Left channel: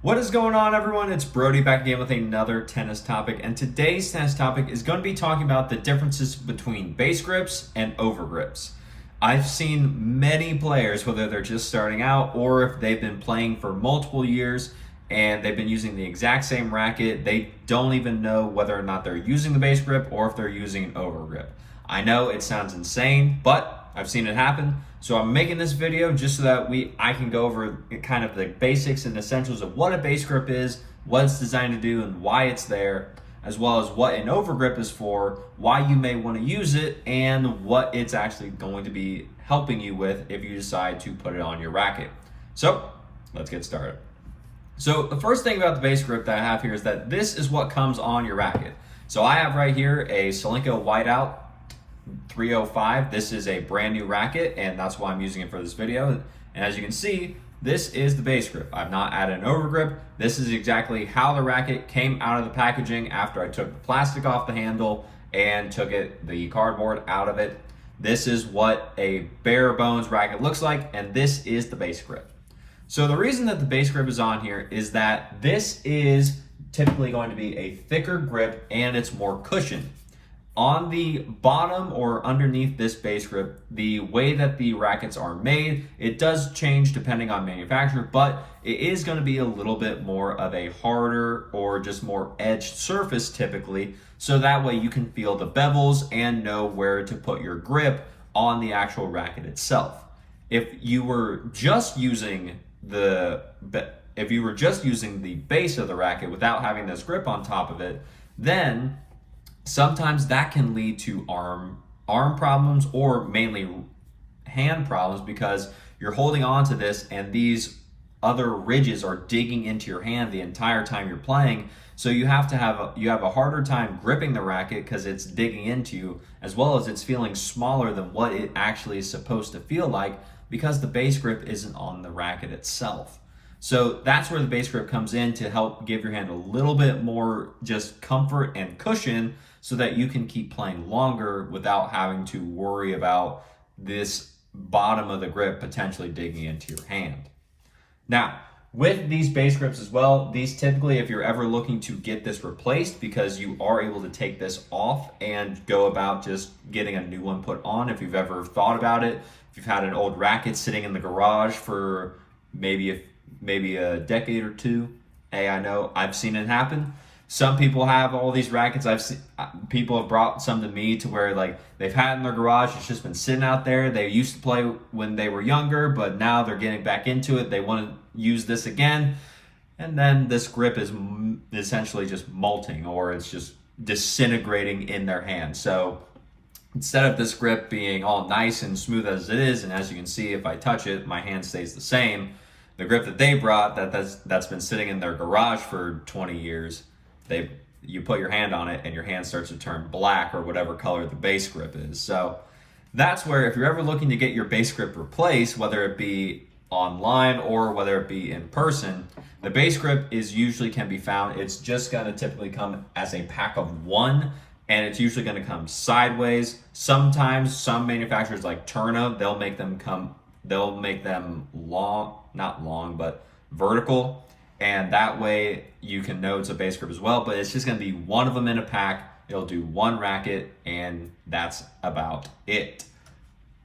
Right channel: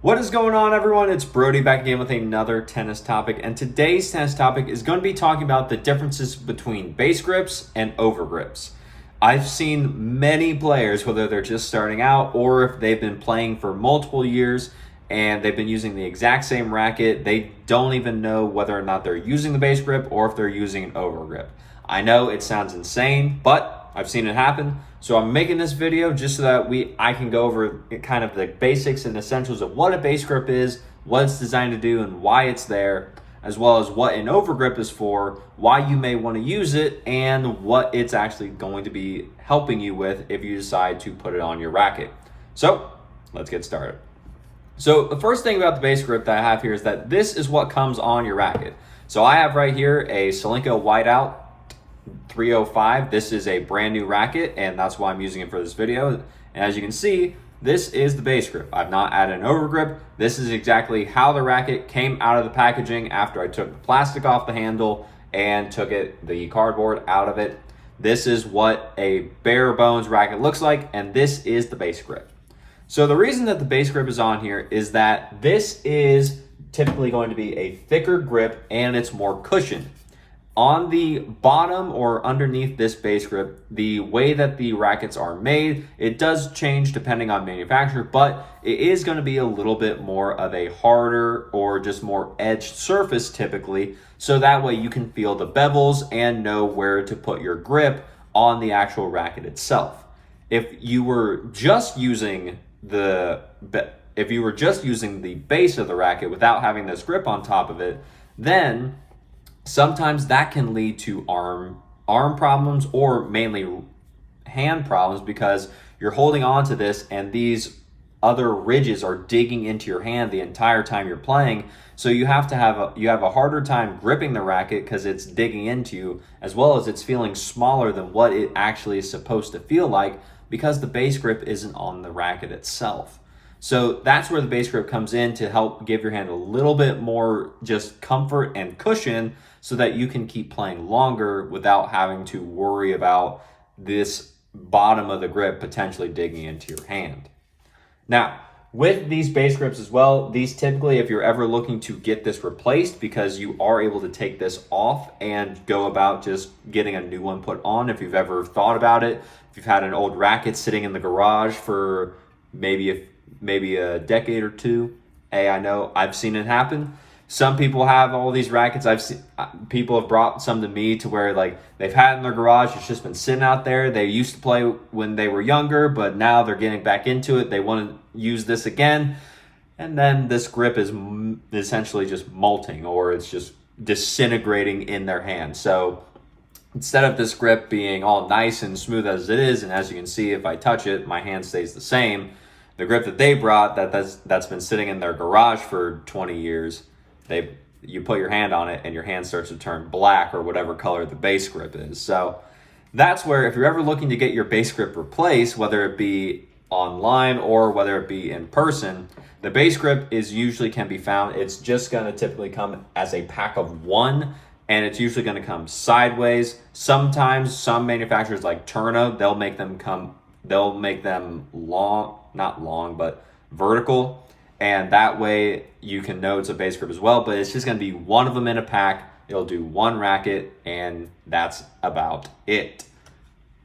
What is going on, everyone? It's Brody back again with another tennis topic, and today's tennis topic is going to be talking about the differences between base grips and overgrips. I've seen many players, whether they're just starting out or if they've been playing for multiple years and they've been using the exact same racket, they don't even know whether or not they're using the base grip or if they're using an overgrip. I know it sounds insane, but I've seen it happen. So I'm making this video just so that I can go over kind of the basics and essentials of what a base grip is, what it's designed to do, and why it's there, as well as what an overgrip is for, why you may want to use it, and what it's actually going to be helping you with if you decide to put it on your racket. So let's get started. So the first thing about the base grip that I have here is that this is what comes on your racket. So I have right here a Solinco Whiteout 305. This is a brand new racket, and that's why I'm using it for this video. And as you can see, this is the base grip. I've not added an overgrip. This is exactly how the racket came out of the packaging after I took the plastic off the handle and took the cardboard out of it. This is what a bare bones racket looks like, and this is the base grip. So the reason that the base grip is on here is that this is typically going to be a thicker grip and it's more cushioned. On the bottom or underneath this base grip, the way that the rackets are made, it does change depending on manufacturer, but it is going to be a little bit more of a harder or just more edged surface typically, so that way you can feel the bevels and know where to put your grip on the actual racket itself. If you were just using the base of the racket without having this grip on top of it, then sometimes that can lead to arm problems or mainly hand problems because you're holding on to this and these other ridges are digging into your hand the entire time you're playing. So you have a harder time gripping the racket because it's digging into you, as well as it's feeling smaller than what it actually is supposed to feel like because the base grip isn't on the racket itself. So that's where the base grip comes in to help give your hand a little bit more just comfort and cushion so that you can keep playing longer without having to worry about this bottom of the grip potentially digging into your hand. Now, with these base grips as well, these typically, if you're ever looking to get this replaced, because you are able to take this off and go about just getting a new one put on, if you've ever thought about it, if you've had an old racket sitting in the garage for maybe a decade or two. Hey, I know I've seen it happen. Some people have all these rackets. I've seen people have brought some to me to where like they've had it in their garage. It's just been sitting out there. They used to play when they were younger, but now they're getting back into it. They want to use this again. And then this grip is essentially just molting, or it's just disintegrating in their hand. So instead of this grip being all nice and smooth as it is, and as you can see, if I touch it, my hand stays the same. The grip that they brought that's been sitting in their garage for 20 years, you put your hand on it and your hand starts to turn black or whatever color the base grip is. So that's where, if you're ever looking to get your base grip replaced, whether it be online or whether it be in person, the base grip can be found. It's just going to typically come as a pack of one, and it's usually going to come sideways. Sometimes some manufacturers like Turna, they'll make them long, not long, but vertical. And that way you can know it's a base grip as well, but it's just going to be one of them in a pack. It'll do one racket, and that's about it.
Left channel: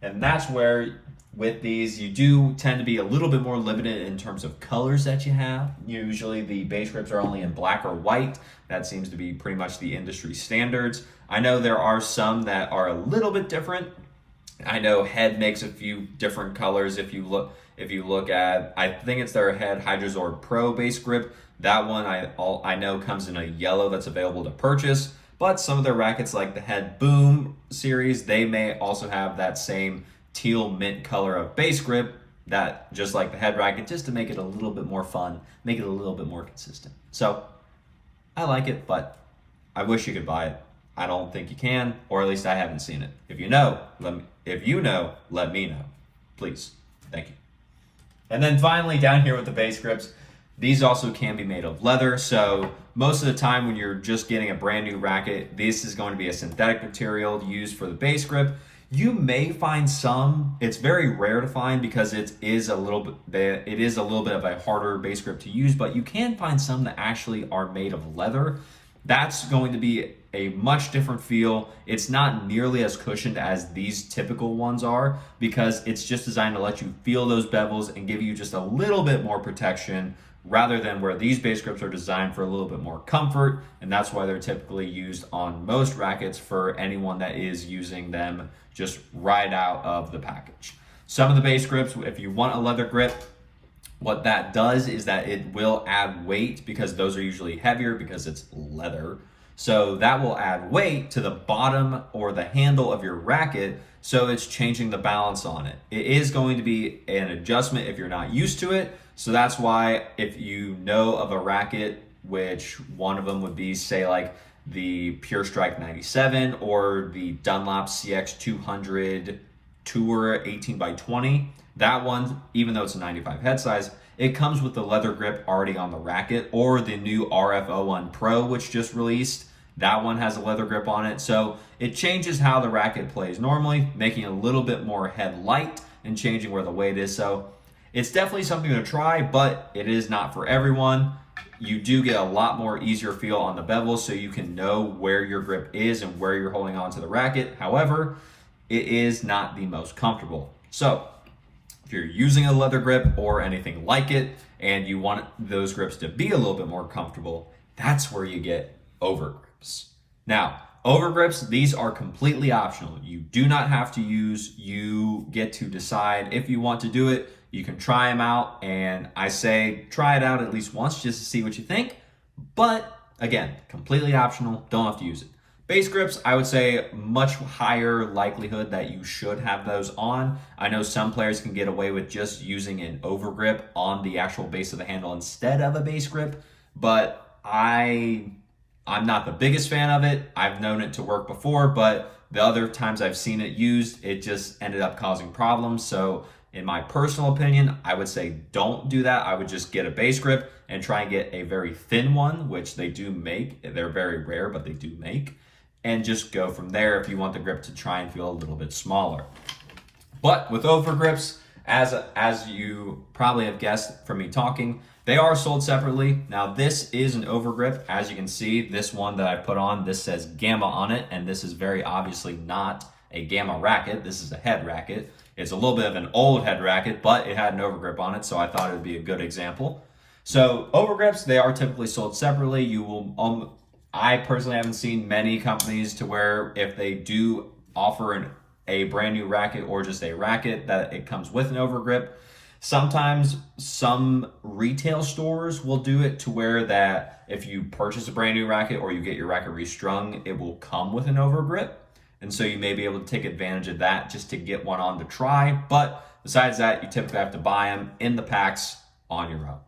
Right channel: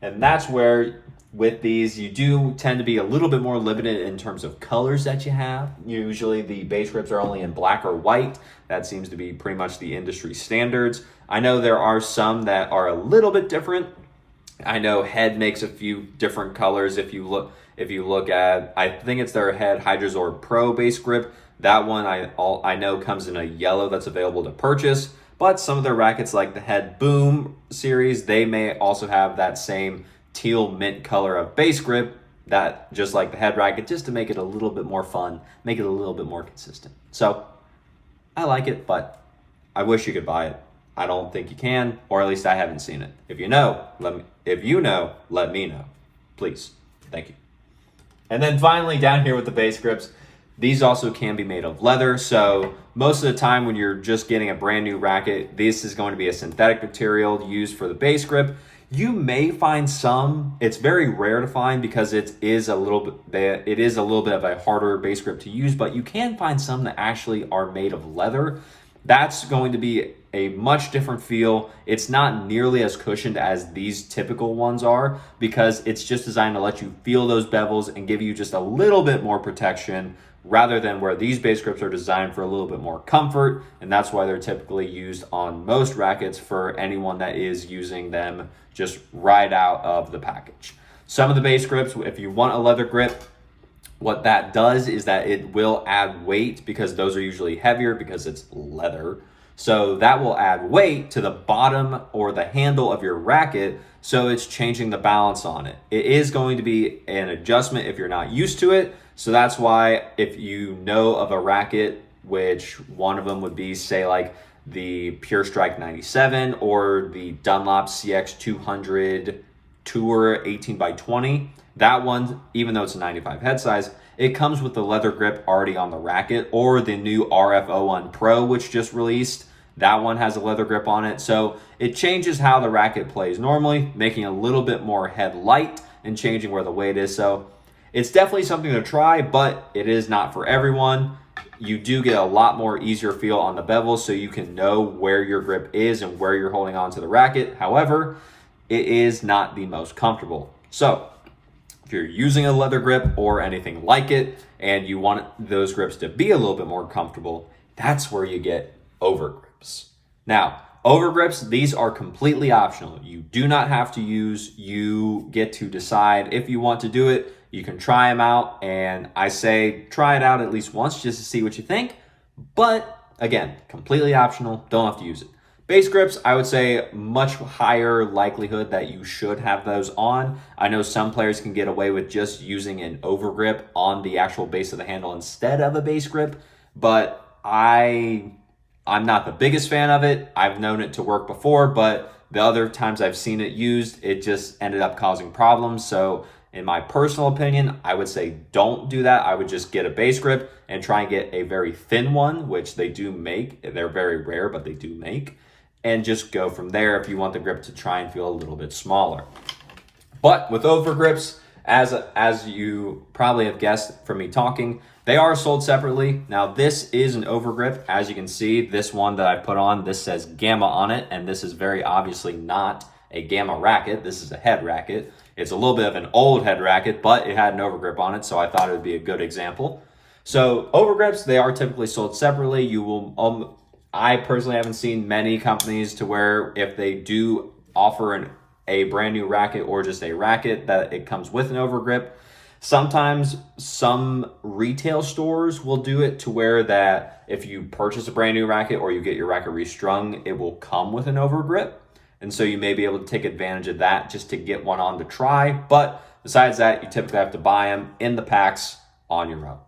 And that's where with these, you do tend to be a little bit more limited in terms of colors that you have. Usually the base grips are only in black or white. That seems to be pretty much the industry standards. I know there are some that are a little bit different. I know Head makes a few different colors. If you look at, I think it's their Head Hydrozor Pro base grip. That one I know comes in a yellow that's available to purchase. But some of their rackets, like the Head Boom series, they may also have that same teal mint color of base grip, that just like the Head racket, just to make it a little bit more fun, make it a little bit more consistent. So I like it, but I wish you could buy it. I don't think you can, or at least I haven't seen it. If you know, let me know, please. Thank you. And then finally, down here with the base grips, these also can be made of leather. So most of the time when you're just getting a brand new racket, this is going to be a synthetic material used for the base grip. You may find some. It's very rare to find because it is a little bit of a harder base grip to use, but you can find some that actually are made of leather. That's going to be a much different feel. It's not nearly as cushioned as these typical ones are because it's just designed to let you feel those bevels and give you just a little bit more protection, rather than where these base grips are designed for a little bit more comfort, and that's why they're typically used on most rackets for anyone that is using them just right out of the package. Some of the base grips, if you want a leather grip, what that does is that it will add weight because those are usually heavier because it's leather. So that will add weight to the bottom or the handle of your racket, so it's changing the balance on it. It is going to be an adjustment if you're not used to it. So that's why if you know of a racket, which one of them would be, say, like the Pure Strike 97 or the Dunlop CX 200 Tour 18x20, that one, even though it's a 95 head size, it comes with the leather grip already on the racket, or the new RF01 Pro, which just released. That one has a leather grip on it. So it changes how the racket plays normally, making it a little bit more head light and changing where the weight is. So it's definitely something to try, but it is not for everyone. You do get a lot more easier feel on the bevel, so you can know where your grip is and where you're holding on to the racket. However, it is not the most comfortable. So if you're using a leather grip or anything like it, and you want those grips to be a little bit more comfortable, that's where you get overgrips. Now, overgrips, these are completely optional. You do not have to use. You get to decide if you want to do it. You can try them out, and I say try it out at least once just to see what you think. But again, completely optional, don't have to use it. Base grips, I would say much higher likelihood that you should have those on. I know some players can get away with just using an overgrip on the actual base of the handle instead of a base grip, but I'm not the biggest fan of it. I've known it to work before, but the other times I've seen it used, it just ended up causing problems. So in my personal opinion, I would say don't do that. I would just get a base grip and try and get a very thin one, which they do make. They're very rare, but they do make. And just go from there if you want the grip to try and feel a little bit smaller. But with overgrips, as you probably have guessed from me talking, they are sold separately. Now this is an overgrip. As you can see, this one that I put on, this says Gamma on it, and this is very obviously not a Gamma racket. This is a head racket. It's a little bit of an old head racket, but it had an overgrip on it, so I thought it would be a good example. So overgrips, they are typically sold separately. You will, I personally haven't seen many companies to where if they do offer a brand new racket or just a racket that it comes with an overgrip. Sometimes some retail stores will do it to where that if you purchase a brand new racket or you get your racket restrung, it will come with an overgrip. And so you may be able to take advantage of that just to get one on to try. But besides that, you typically have to buy them in the packs on your own.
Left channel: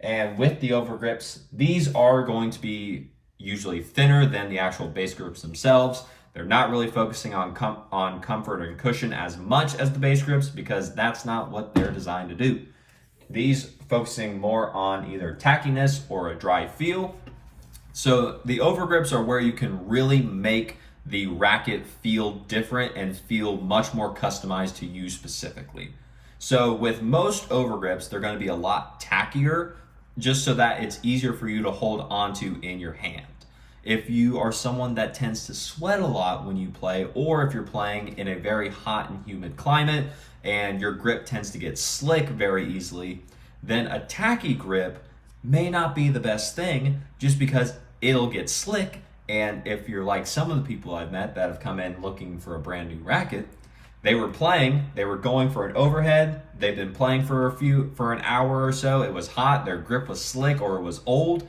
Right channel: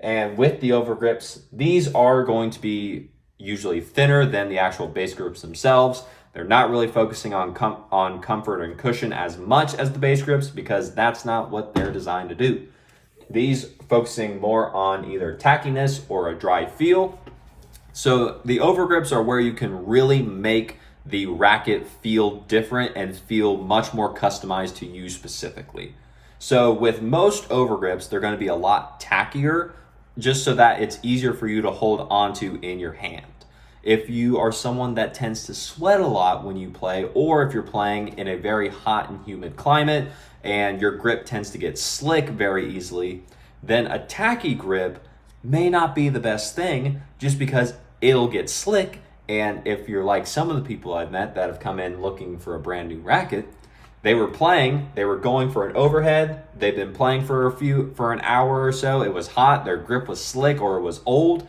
And with the overgrips, these are going to be usually thinner than the actual base grips themselves. They're not really focusing on comfort and cushion as much as the base grips because that's not what they're designed to do. These focusing more on either tackiness or a dry feel. So the overgrips are where you can really make the racket feel different and feel much more customized to you specifically. So with most overgrips, they're going to be a lot tackier just so that it's easier for you to hold onto in your hand. If you are someone that tends to sweat a lot when you play, or if you're playing in a very hot and humid climate and your grip tends to get slick very easily, then a tacky grip may not be the best thing just because it'll get slick. And if you're like some of the people I've met that have come in looking for a brand new racket, they were going for an overhead, they've been playing for an hour or so, it was hot, their grip was slick or it was old,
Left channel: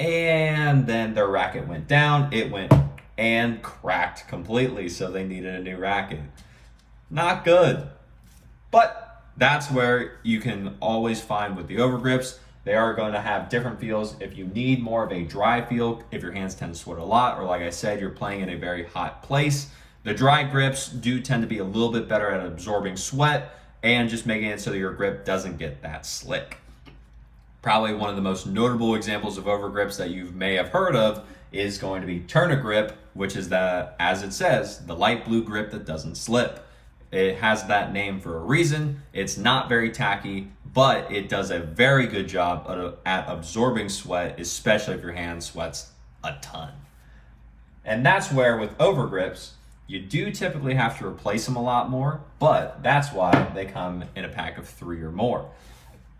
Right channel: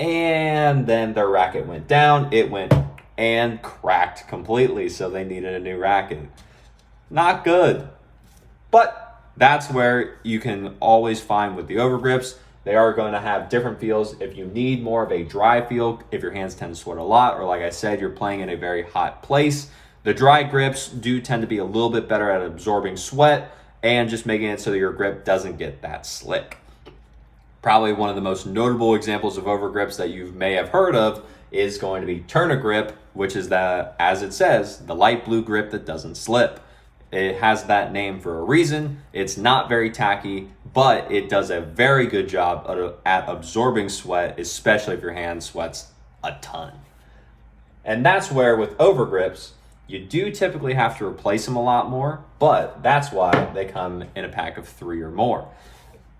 and then their racket went down, it went and cracked completely, so they needed a new racket. Not good. But that's where you can always find with the overgrips, they are going to have different feels. If you need more of a dry feel, if your hands tend to sweat a lot, or like I said, you're playing in a very hot place, the dry grips do tend to be a little bit better at absorbing sweat and just making it so that your grip doesn't get that slick. Probably one of the most notable examples of overgrips that you may have heard of is going to be Grip, which is as it says, the light blue grip that doesn't slip. It has that name for a reason. It's not very tacky, but it does a very good job at absorbing sweat, especially if your hand sweats a ton. And that's where with overgrips, you do typically have to replace them a lot more, but that's why they come in a pack of 3 or more.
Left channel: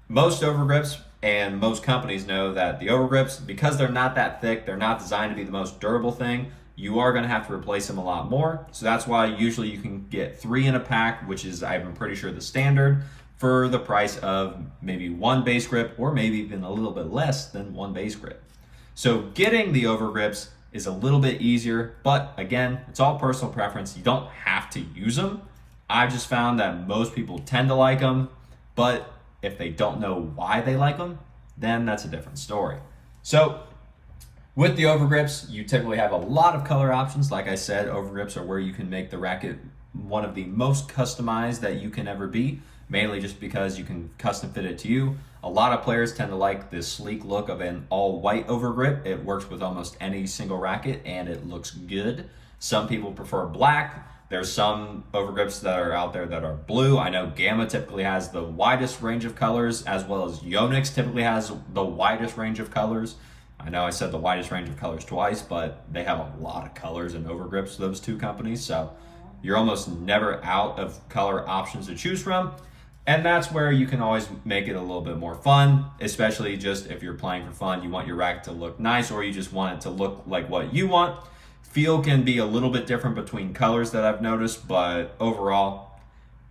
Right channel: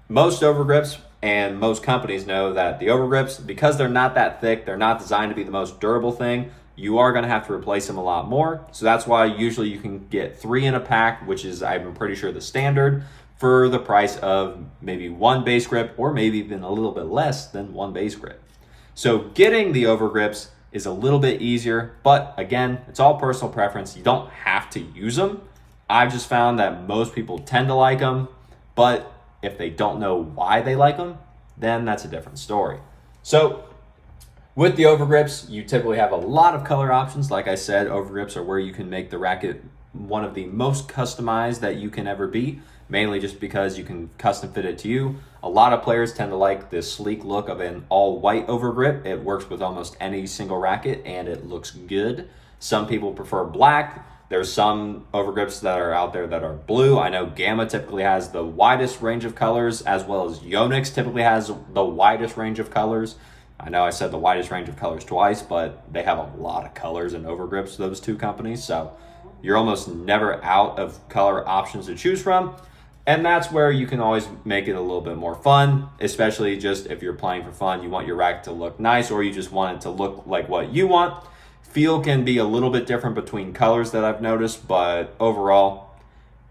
Most overgrips and most companies know that the overgrips, because they're not that thick, they're not designed to be the most durable thing, you are going to have to replace them a lot more. So that's why usually you can get 3 in a pack, which is, I'm pretty sure, the standard, for the price of maybe 1 base grip, or maybe even a little bit less than 1 base grip. So getting the overgrips is a little bit easier, but again, it's all personal preference. You don't have to use them. I've just found that most people tend to like them, but if they don't know why they like them, then that's a different story. So with the overgrips, you typically have a lot of color options. Like I said, overgrips are where you can make the racket one of the most customized that you can ever be, mainly just because you can custom fit it to you. A lot of players tend to like this sleek look of an all white overgrip. It works with almost any single racket and it looks good. Some people prefer black. There's some overgrips that are out there that are blue. I know Gamma typically has the widest range of colors, as well as Yonex typically has the widest range of colors. I know I said the widest range of colors twice, but they have a lot of colors and overgrips, those two companies. So you're almost never out of color options to choose from. And that's where you can always make it a little bit more fun, especially just if you're playing for fun, you want your racket to look nice, or you just want it to look like what you want. Feel can be a little bit different between colors that I've noticed, but overall,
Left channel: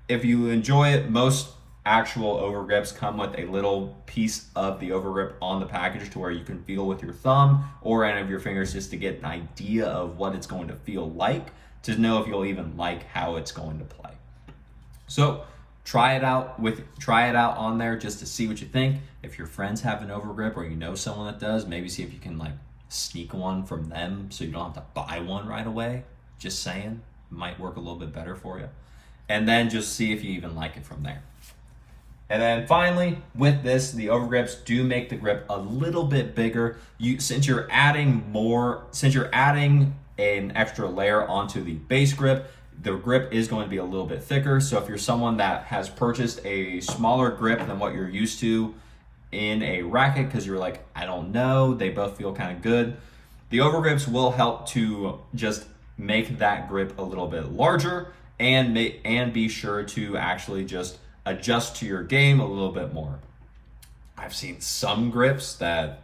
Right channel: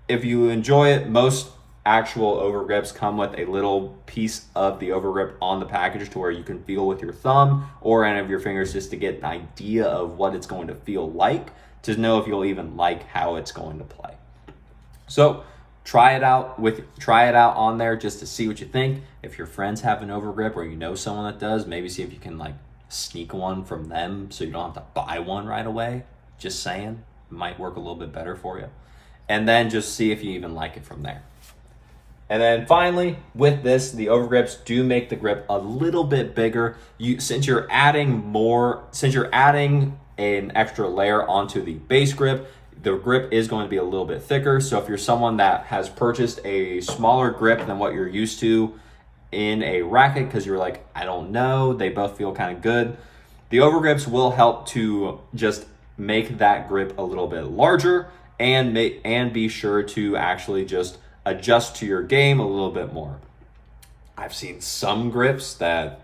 if you enjoy it, most actual overgrips come with a little piece of the overgrip on the package to where you can feel with your thumb or any of your fingers just to get an idea of what it's going to feel like, to know if you'll even like how it's going to play. So try it out on there just to see what you think. If your friends have an overgrip or you know someone that does, maybe see if you can like sneak one from them so you don't have to buy one right away. Just saying, it might work a little bit better for you. And then just see if you even like it from there. And then finally, with this, the overgrips do make the grip a little bit bigger. Since you're adding an extra layer onto the base grip, the grip is going to be a little bit thicker. So if you're someone that has purchased a smaller grip than what you're used to in a racket, because you're like, I don't know, they both feel kind of good, the overgrips will help to just make that grip a little bit larger and be sure to actually just adjust to your game a little bit more. I've seen some grips that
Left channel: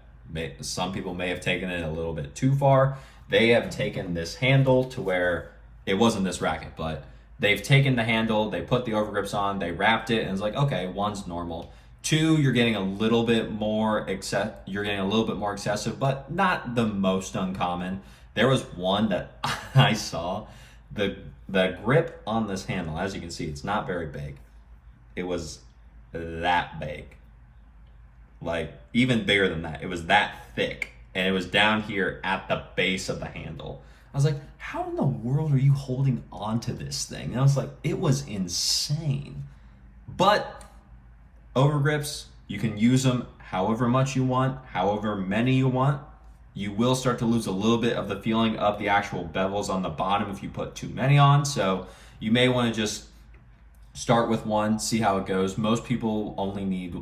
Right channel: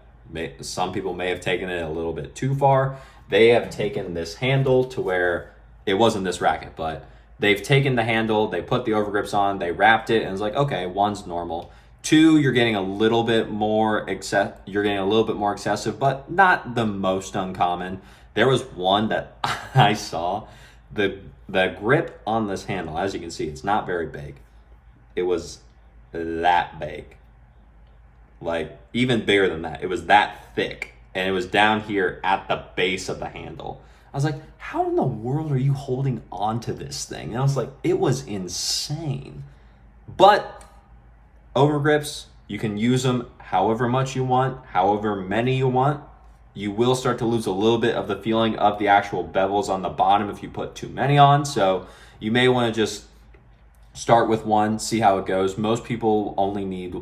some people may have taken it a little bit too far. They have taken this handle to where it wasn't this racket, but they've taken the handle, they put the overgrips on, they wrapped it, and it's like, okay, 1's normal. 2, you're getting a little bit more excessive, but not the most uncommon. There was one that I saw, the grip on this handle, as you can see, it's not very big. It was that big, like even bigger than that. It was that thick, and it was down here at the base of the handle. I was like, how in the world are you holding on to this thing? And I was like, it was insane. But overgrips, you can use them however much you want, however many you want. You will start to lose a little bit of the feeling of the actual bevels on the bottom if you put too many on. So you may want to just start with 1, see how it goes. Most people only need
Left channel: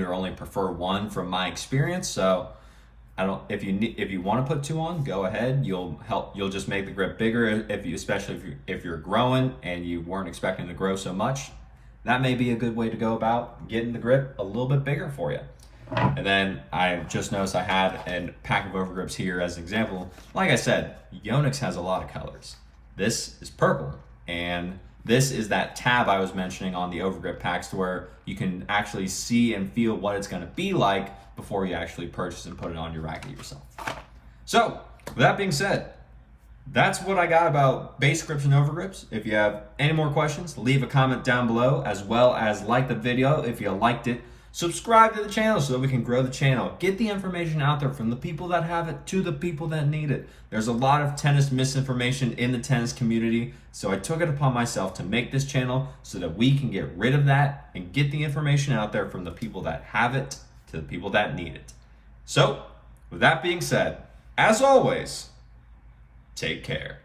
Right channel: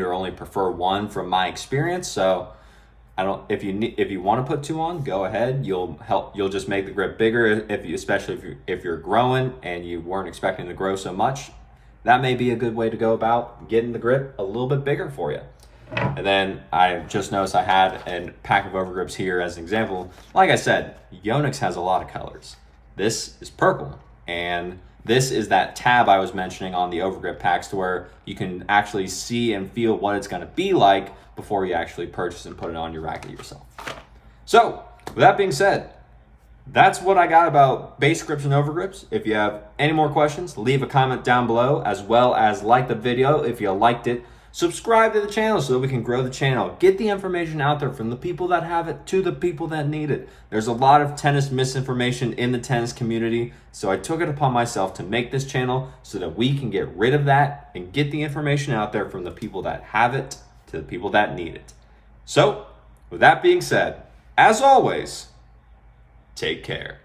or only prefer 1 from my experience. So if you want to put 2 on, go ahead. You'll just make the grip bigger, especially if you're growing and you weren't expecting to grow so much. That may be a good way to go about getting the grip a little bit bigger for you. And then I just noticed I had a pack of overgrips here as an example. Like I said, Yonex has a lot of colors. This is purple, and this is that tab I was mentioning on the overgrip packs, to where you can actually see and feel what it's going to be like before you actually purchase and put it on your racket yourself. So with that being said, that's what I got about base grips and overgrips. If you have any more questions, leave a comment down below, as well as like the video if you liked it. Subscribe to the channel so that we can grow the channel. Get the information out there from the people that have it to the people that need it. There's a lot of tennis misinformation in the tennis community, so I took it upon myself to make this channel so that we can get rid of that and get the information out there from the people that have it to to the people that need it. So, with that being said, as always, take care.